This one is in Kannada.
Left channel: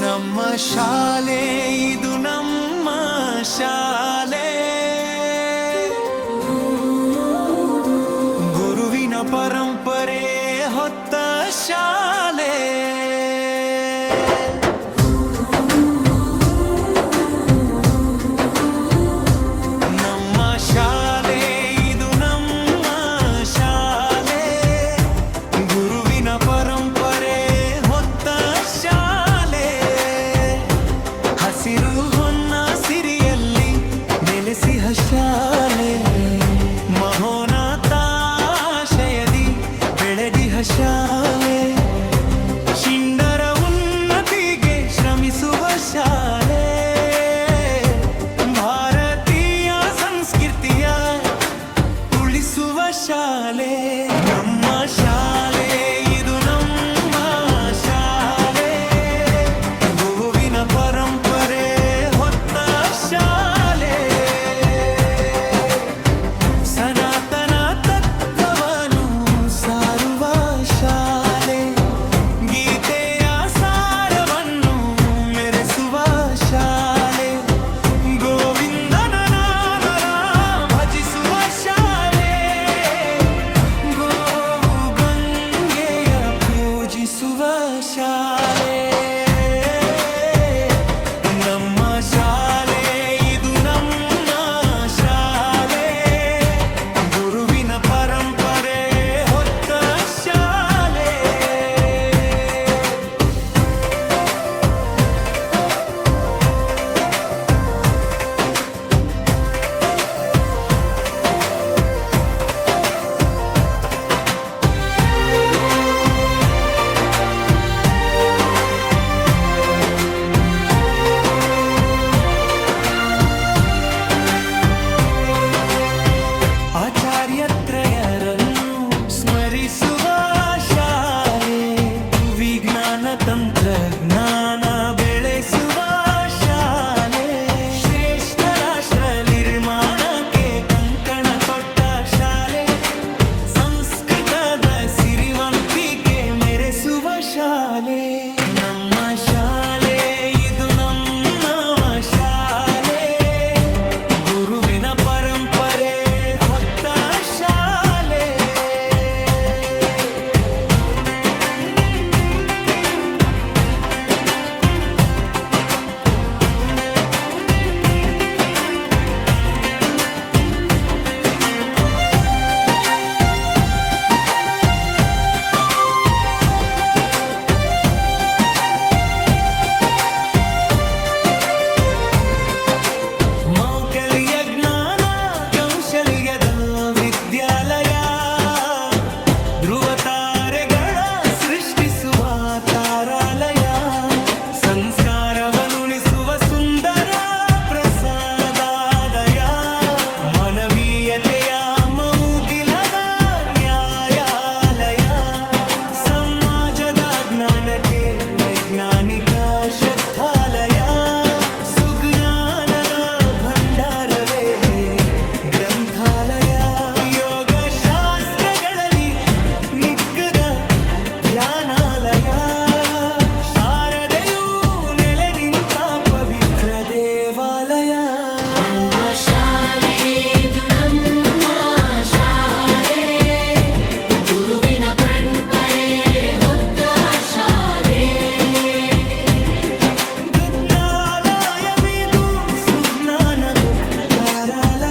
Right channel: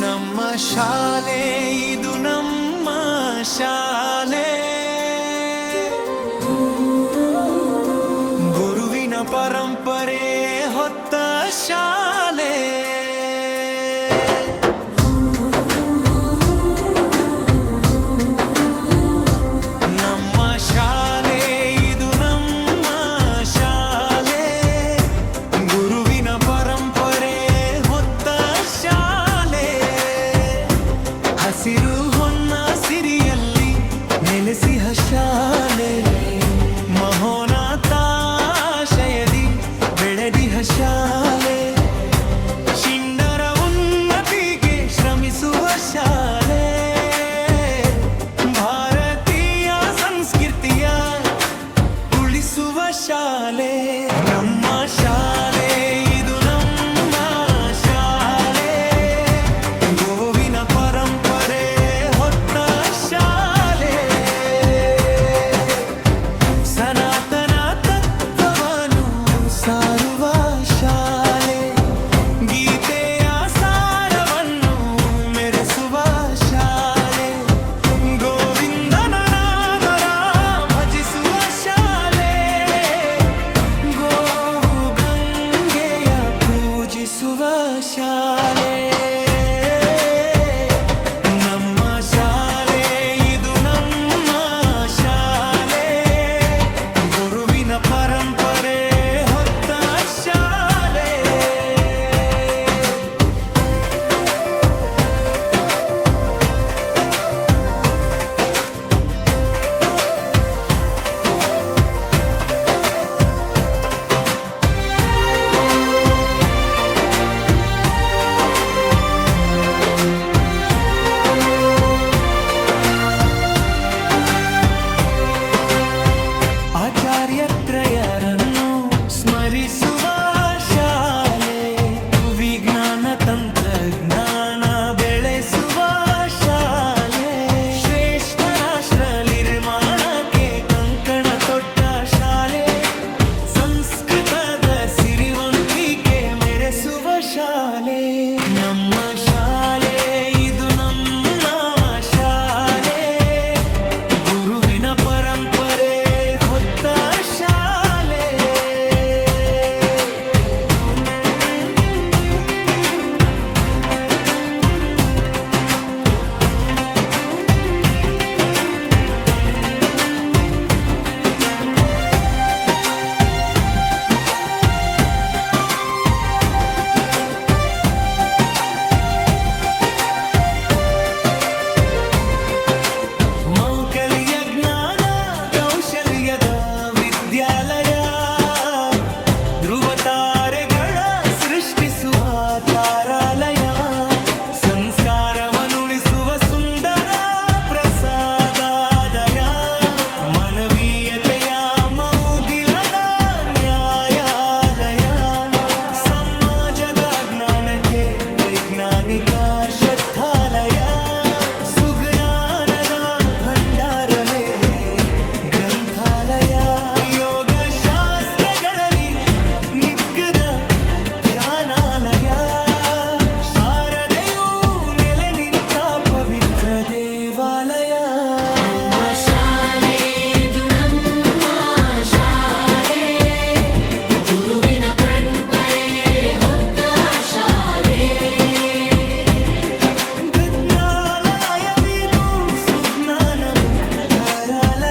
ನಮ್ಮ ಶಾಲೆ ಇದು ನಮ್ಮ ಶಾಲೆ, ಗುರುವಿನ ಪರಂಪರೆ ಹೊತ್ತ ಶಾಲೆ. ನಮ್ಮ ಶಾಲೆ ಇದು ನಮ್ಮ ಶಾಲೆ, ಗುರುವಿನ ಪರಂಪರೆ ಹೊತ್ತ ಶಾಲೆ. ಹಸಿರು ಹೊನ್ನ ಸಿರಿಯಲ್ಲಿ ನೆಲೆಸಿಹ ಶಾಲೆ, ಮಹೋನ್ನತಾಶಯದಿ ಬೆಳೆದಿಹ ಶಾಲೆ. ಶಿಂಡರ ಉನ್ನತಿಗೆ ಶ್ರಮಿಸುವ ಶಾಲೆ, ಭಾರತೀಯ ಸಂಸ್ಕೃತಿಯ ಉಳಿಸುವ ಶಾಲೆ. ನಮ್ಮ ಶಾಲೆ ಇದು ನಮ್ಮ ಶಾಲೆ, ಗೋವಿನ ಪರಂಪರೆ ಹೊತ್ತ ಶಾಲೆ. ಸನಾತನ ತತ್ವವನ್ನು ಸಾರುವ ಶಾಲೆ, ಗೀತೆಯ ಸಾರವನ್ನು ಮೆರೆಸುವ ಶಾಲೆ. ಗೋವಿಂದನ ನಾಮರ ಭಜಿಸುವ ಶಾಲೆ, ಗೋವು ಗಂಗೆಯ ಪೂಜಿಸುವ ಶಾಲೆ. ನಮ್ಮ ಶಾಲೆ ಇದು ನಮ್ಮ ಶಾಲೆ, ಗುರುವಿನ ಪರಂಪರೆ ಹೊತ್ತ ಶಾಲೆ. ಆಚಾರ್ಯತ್ರಯರನ್ನು ಸ್ಮರಿಸುವ ಶಾಲೆ, ವಿಜ್ಞಾನ ತಂತ್ರಜ್ಞಾನ ಬೆಳೆಸುವ ಶಾಲೆ. ಶ್ರೇಷ್ಠ ರಾಷ್ಟ್ರ ನಿರ್ಮಾಣಕ್ಕೆ ಕಂಕಣ ತೊಟ್ಟ ಶಾಲೆ, ಸಂಸ್ಕೃತದ ಸಿರಿವಂತಿಕೆ ಮೆರೆಸುವ ಶಾಲೆ. ನಮ್ಮ ಶಾಲೆ ಇದು ನಮ್ಮ ಶಾಲೆ, ಗುರುವಿನ ಪರಂಪರೆ ಹೊತ್ತ ಶಾಲೆ. ಮೌಲ್ಯ ಜ್ಞಾನ ಕೌಶಲ್ಯದ ವಿದ್ಯಾಲಯ, ಧ್ರುವ ತಾರೆಗಳ ಸೃಷ್ಟಿಸುವ ತಾರಾಲಯ. ಸಂಸ್ಕಾರವನ್ನುಳಿಸುವ ಸುಂದರ ಪ್ರಸಾದಾದಯ, ಮಾನವೀಯತೆಯ ಮೌಗಿಲದ ನ್ಯಾಯಾಲಯ. ಸಮಾಜದ ಜ್ಞಾನಕ್ಕೆ ವೈಜ್ಞಾನಿಕ ಶ್ರದ್ಧಾಲಯ, ಸುಜ್ಞಾನದ ಭಂಡಾರವೇ ಗ್ರಂಥಾಲಯ. ಯೋಗ ಶಾಸ್ತ್ರಗಳಲ್ಲಿ ನಿಕ್ಕದ ಧ್ಯಾನಾಲಯ, ಶಾರದೆಯು ನೆಲೆ ನಿಂತ ಪವಿತ್ರ ದೇವಾಲಯ. ಜ್ಞಾನಾಲಯವಿದು ಸುಜ್ಞಾನ ತಾರಾಲಯ.